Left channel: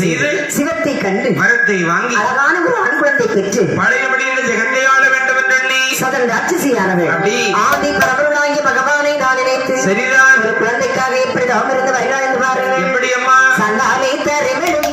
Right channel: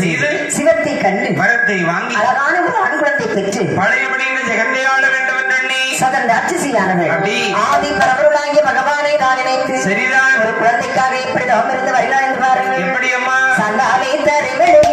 செய்து சிவத்தை கண்டு வரத்தை வாங்கி அழகான ஒரு ஆண் குழந்தை பெற்று பழையபடியில் ஜெகத்தை ஆள வேண்டும் என்று எண்ணி சதன் ராட்சசியானவள். அப்படி. ஆதி பரவலாகிய பகவானை தான் நினைத்து சரிதான். ஒரு குழந்தைக்காக எப்படி தவம் இருந்து வருகிறார் என்று பாருங்கள். எப்படி அம்மா சண்டாலை தருவிழி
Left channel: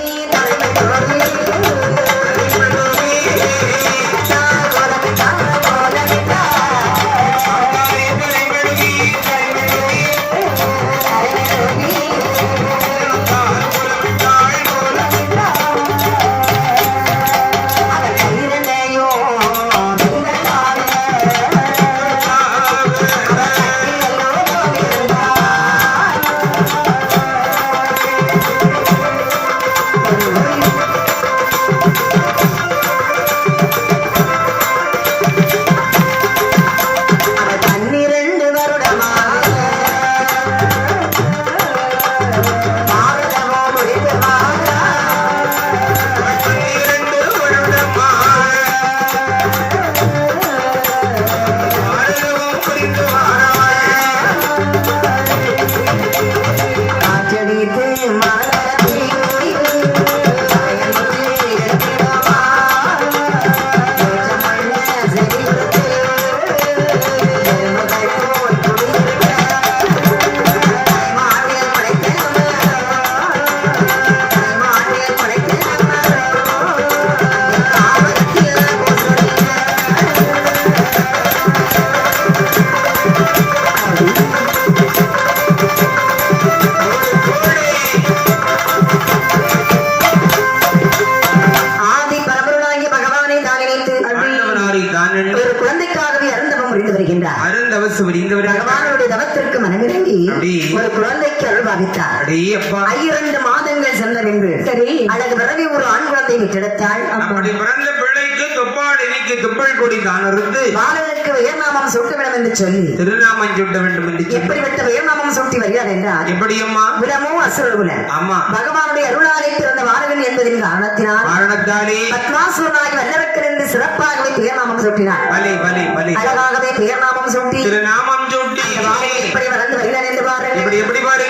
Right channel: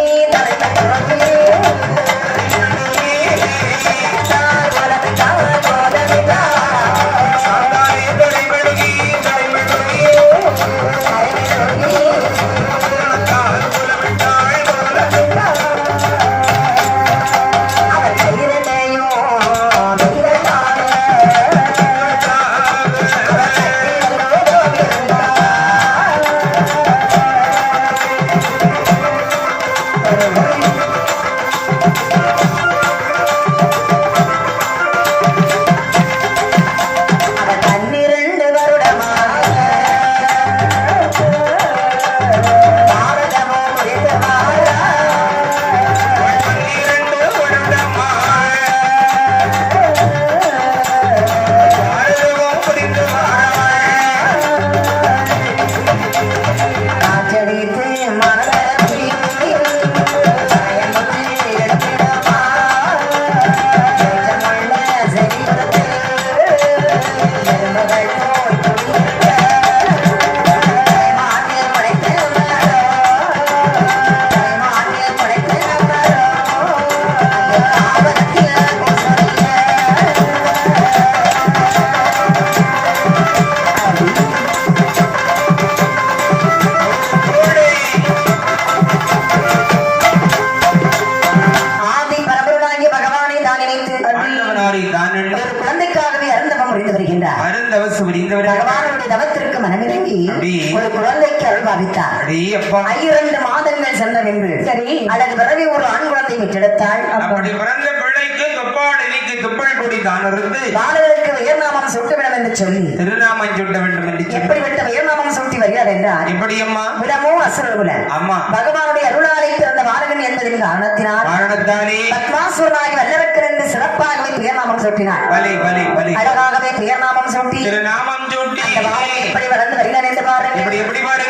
বাড়িতে মারা ஒரு குழந்தைக்காகவே அருந்தவம் முடிந்து வருகின்றார். அருந்தவசு புரிந்தவர்கள் பகவானுடைய தவத்திற்கு மனமிறங்கி. ஒரு குழந்தைக்கு அருள் பாவித்தார் அடே அப்பா. ஐயிரண்டு மாதங்கள் சென்ற பின்பு சரி. அல்லது பிறவி ஒரு ஆண் குழந்தை அப்படி பிறந்த இணைக்கு துப்பல் கொடி தான் இருந்து பாலகருக்கு உயர்நாமம் சூட்ட வேண்டும் என்று சொல்லி. திருநாமம் சுட்ட வேண்டும் என்று சொல்லி. எப்படிப்பட்ட உயர்நாமம் சூட்டி வருகிறார் என்றால் எப்படி அம்மா விடமோ அசுரகுல அம்மா. பகவானுடைய அருளாலை பிறந்த பாலகன் என்பதின் காரணத்தினால் காரணத்தானே பத்மாசுரனாய் வல்லவர்க்கு என்று சிறப்பாகவே பெயர்நாமம் சூட்டினார்? பலி பலி பலி அழகாகவே பெயர்நாமம் சூட்டி? திருநாமம் சுட்டி. எப்படி வளர்ந்து வருகிறார் என்று பாருங்கள். இப்படி எப்படி மேல்